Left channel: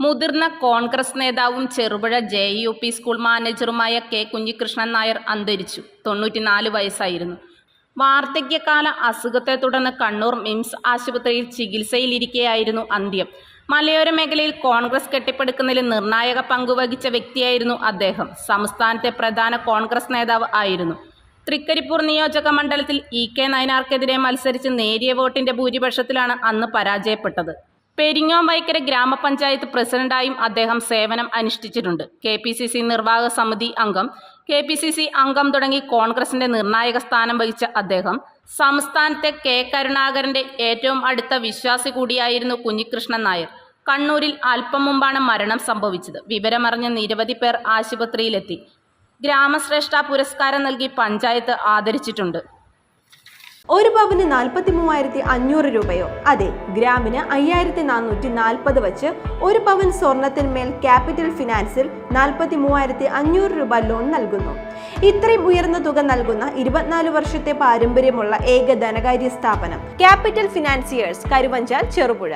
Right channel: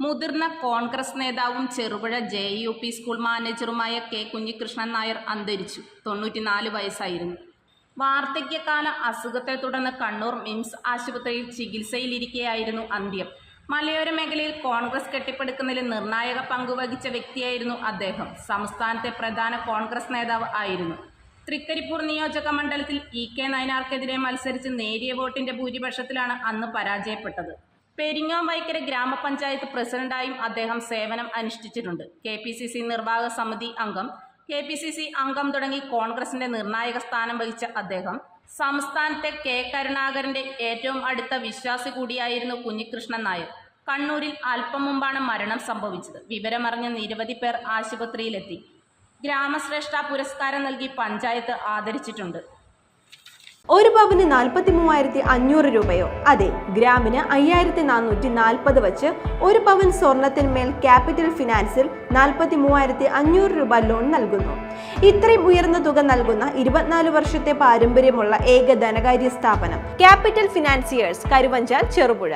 മുതിർന്ന കോൺഗ്രസ് നേതാവും Cherupuzha J U P school മാനേജറുമായ K Kunhikrishnan Nair അന്തരിച്ചു. തൊണ്ണൂറ്റിനാല് വയസ്സായിരുന്നു. വാർദ്ധക്യകാല അസുഖത്തെ തുടർന്ന് കണ്ണൂർ മിംസ് ആശുപത്രിയിൽ ചികിത്സയിലിരിക്കെയായിരുന്നു അന്ത്യം. മലയോര മേഖലയിൽ കോൺഗ്രസ് കെട്ടിപ്പടുക്കുന്നതിൽ നിർണായക പങ്കുവഹിച്ച വ്യക്തിയായിരുന്നു അദ്ദേഹം. സംസ്ഥാനത്തെ പ്രധാന കോൺഗ്രസ് നേതാവ് ആയിരുന്നു. തൃക്കരിപ്പൂർ നിയോജക മണ്ഡലത്തിൽ ഇ കെ നയനാർക്കെതിരെ മത്സരിച്ച് നേരിയ വോട്ടിന്റെ ഭൂരിപക്ഷത്തിലാണ് അന്ന് പരാജയപ്പെട്ടത്. പെരിങ്ങോം വൈക്കര ഗ്രാമപഞ്ചായത്ത് പ്രസിഡന്റായും അദ്ദേഹം സേവനം അനുഷ്ഠിച്ചിട്ടുണ്ട്. കെ പി സി സി നിർവാഹക സമിതി അംഗം കെ പി സി സി അംഗം തുടങ്ങി കോൺഗ്രസിന്റെ നിർണായക സ്ഥാനം വഹിച്ച അദ്ദേഹം സംസ്ഥാനത്തെ കെ കരുണാകരന്റെ ഏറ്റവും അടുത്ത വിശ്വാസി കൂടിയായിരുന്നു കുഞ്ഞികൃഷ്ണൻ നായർ. കണ്ണൂരിൽ അല്പം മുമ്പാണ് മരണം സംഭവിച്ചത്. വിവരമറിഞ്ഞ നിരവധി പേർ ആശുപത്രിയിലെത്തി. ഗ്രാമശ്രേഷ്ഠ പുരസ്കാരം നൽകി പഞ്ചായത്ത് ആദരിച്ചിട്ടുണ്ട്. ഒരു പവന് നാൽപ്പത്തി മൂവായിരത്തി അഞ്ഞൂറ് രൂപയോ. അതെ ഗ്രാമിന് അയ്യായിരത്തി നാനൂറ്റി നാൽപ്പത് വച്ച് ഒരു പവൻ സ്വർണത്തിന്മേൽ ക്യാപിറ്റൽ ഫിനാൻസിൽ നാൽപ്പത്തി മൂവായിരത്തി അഞ്ഞൂറ് രൂപ ലോൺ നൽകുന്നു. ഇത്രയും ഉയർന്ന തുക നൽകുന്ന ഇരുപത്തിനാല് വർഷത്തെ പാരമ്പര്യമുള്ള ഏക ധനകാര്യ സ്ഥാപനം ക്യാപിറ്റൽ ഫിനാൻസിയേഴ്സ് കരുവഞ്ചാൽ ചെറുപുഴ.